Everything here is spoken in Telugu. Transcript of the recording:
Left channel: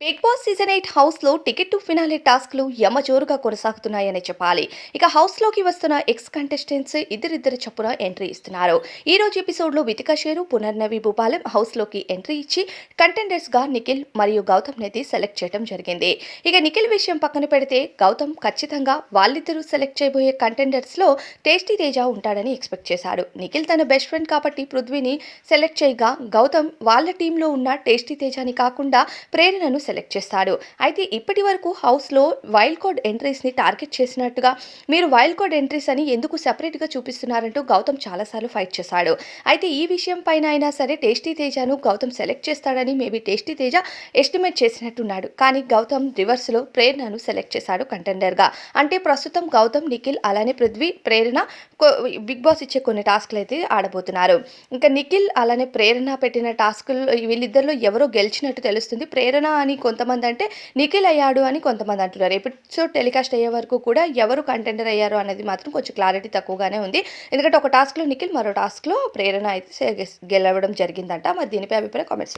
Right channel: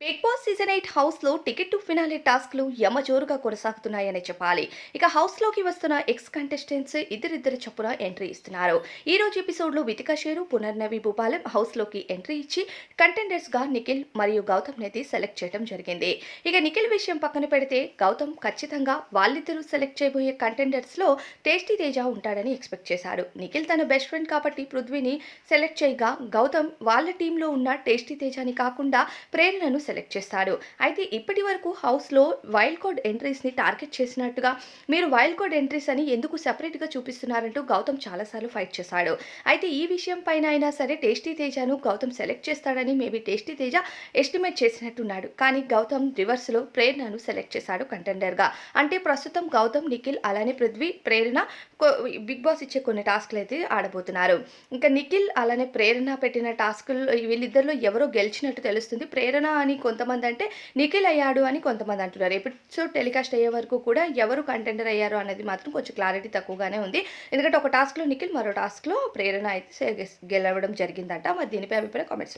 బిగ్ బాస్ సీజన్ 8 హౌస్‌లో టికెట్ టు ఫినాలే టాస్క్‌లు యమజోరుగా కొనసాగుతున్నాయనే చెప్పాలి. ఇక హౌస్‌లోకి వస్తున్న ఎక్స్ కంటెస్టెంట్స్ ఇద్దరిద్దరు చొప్పున ఎంట్రీ ఇస్తున్నారు. ఈ రోజు ఎపిసోడ్‌లో వితికా షేరు, పునర్నవి భూపాలం హౌస్‌లోకి ఎంట్రీ ఇచ్చి కంటెండర్స్‌గా నిఖిల్ మరియు గౌతమ్‌నైతే సెలెక్ట్ చేయడం జరిగింది. ఇక నిఖిల్ విషయం పక్కన పెడితే గౌతమ్ ఖచ్చితంగా వాళ్ళిద్దరూ సెలెక్ట్ చేయబోయే కంటెండర్స్‌లో టేస్టీ తేజ ఉంటాడని ఎక్స్‌పెక్ట్ చేశాడు. నిఖిల్ తన బెస్ట్ ఫ్రెండ్ కాబట్టి పృథ్వీని సెలెక్ట్ చేయగా గౌతమ్ వాళ్ళ టీంలో ఉన్న టేస్టీ తేజని కాకుండా ప్రేరణను సెలెక్ట్ చేస్తాడు. అయితే ఇప్పటి వరకు హౌస్‌లో వైల్డ్ కార్డ్ ఎంట్రీస్‌ని టార్గెట్ చేసినట్టుగా మీరు వైల్డ్ కార్డ్ ఎంట్రీస్ అని ఎందుకు సెపరేట్‌గా చూపిస్తున్నారంటూ గౌతమ్ చాలా సార్లు ఫైట్ చేశాడు. అయితే ఈ విషయం పైన అయినా సరే టేస్టీ తేజను గౌతమ్ సెలెక్ట్ చేస్తాడని మేబీ టేస్టీ తేజ ఎస్టిమేట్ చేసినట్టున్నాడు. కానీ గౌతమ్ రివర్స్‌లో ప్రేరణను సెలెక్ట్ చేశాడు కంటెండర్‌గా. అంటే ప్రస్తుతం గౌతమ్, నిఖిల్ అలానే పృథ్వీ, ప్రేరణ కొ బిగ్ బాస్ ఇచ్చే కొన్ని టాస్క్‌లైతే ఆడబోతున్నారు. ఇంకా నిఖిల్ అలానే ప్రేరణ పెట్టిన టాస్కుల్లో వీళ్ళిద్దరిలో ఎవరో గెలిచినట్టు తెలుస్తుంది. ప్రేరణ అని కొంతమందంటే, నిఖిల్ అయ్యాడు అని కొంతమంది అంటున్నారు. ఎపిసోడ్ టెలికాస్ట్ అయ్యే వరకు కూడా ఎవరు కంటెండర్ అయ్యారు అనేది మాత్రం కొంచెం క్లారిటీ తక్కువగానే ఉంది. ఎందుకంటే ఒక టాస్క్‌లో నిఖిల్, మరో టాస్క్‌లో ప్రేరణ అయితే గెలవడం జరిగిందంట. మరి దీనిపై అభిప్రాయం కామెంట్స్